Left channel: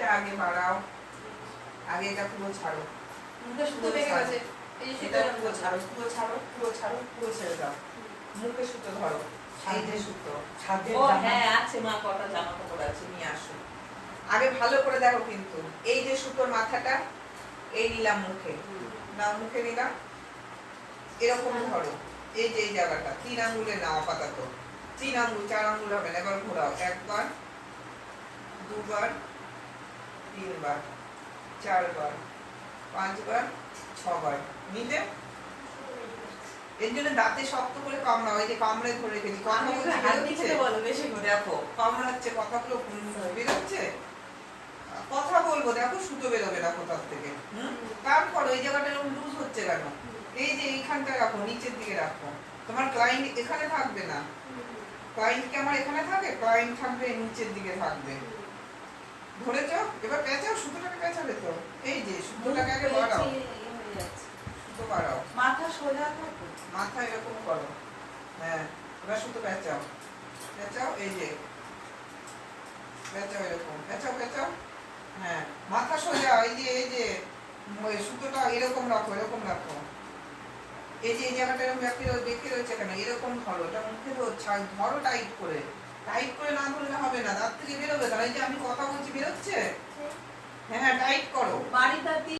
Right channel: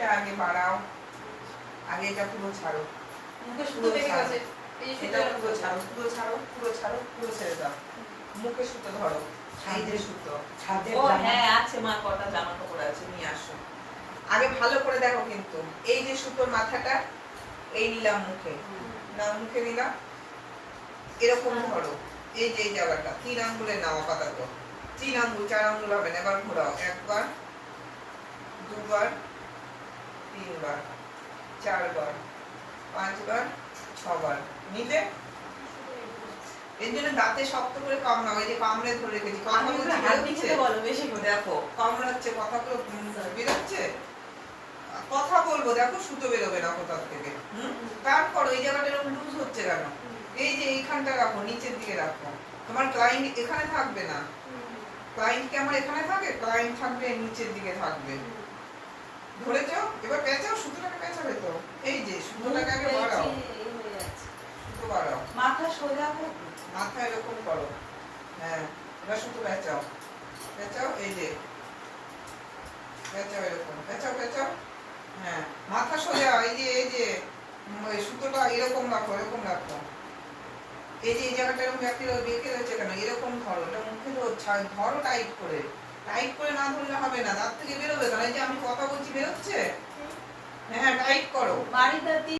এইটা আগে বাড়াও, আগে এটা পুরো ছাড়ো, মুখে সুতো লেগে গেছে, এই এটা সুতোটা পুরো ছাড়ো, পুরো ছাড়ো, পুরো ছাড়ো, পুরো ছেড়ে দাও। মুখে সুতো ধরো, এই যে সুতো। ছাদের ও জামা। হ্যাঁ আছে মা, কটা জামা কাপড় আছে, নিয়ে আসো। আগে ভালো করে দেখো কিন্তু, এই যে সুতোর মাথাটা, এই নিলাম মুখে, না মুখে নিলাম, এরকম ধরো, এই যে এই জায়গাটা 3 আঙ্গুলে নাও আপাতত, 3 আঙ্গুল 4 আঙ্গুল হবে না, এবার ঘোরাও, একবার, দুবার, তিনবার, চারবার, 5 বার, 6 বার, নিলে এর জন্য দাঁতে শক্ত করে কামড়াও, ওই যে কামড়ে ধরে রেখেছি, কথা আমি বলছি হাত দিয়ে বেরোচ্ছে? খেতে বলো বেশি করে। দেখো কামড়াচ্ছে, কথাগুলো বেরোচ্ছে, কথা বলবো, দেখো সুতো বেরোবে না কোথাও থেকে। তারপর ওই জায়গাটা এরকম লুজ হচ্ছে কেন? এই যে এইখানটা রাখো, নিচের দিকে রাখো, তোমার ক্লায়েন্ট এখানে থাকবে না, ক্লায়েন্ট কি আমার এখানে থাকে? ক্লায়েন্ট থাকবে নিচের দিকে থাকবে। ধরেছ? এবার পেঁচাও, সুতোটাকে পেঁচাবে তো, এই যে সুতোটাকে আগে বাড়াও, সুতো বাড়াও, মাথা সোজা করে মাথা এরকম করো, হ্যাঁ, এবার সুতো পেঁচাও, পেঁচাও, এই যে পেঁচাও, এরকম পেঁচাও, পেঁচাও, হ্যাঁ, মাথা সোজা, এই যে ওই সুতোটা এরকম রাখো, এরকম রাখো, এই যে এই জায়গাটা এরকম বেঁকে রয়েছে কেন? এরকম ধরো, এটা মুখে ধরো টাইট করে, টাইট করে না ধরলে হবে না, দাঁত থেকে বেরোবে, কারণ এই যে আমি কথা বলছি বেরোচ্ছে, হ্যাঁ টাইট করো। বাড়িতে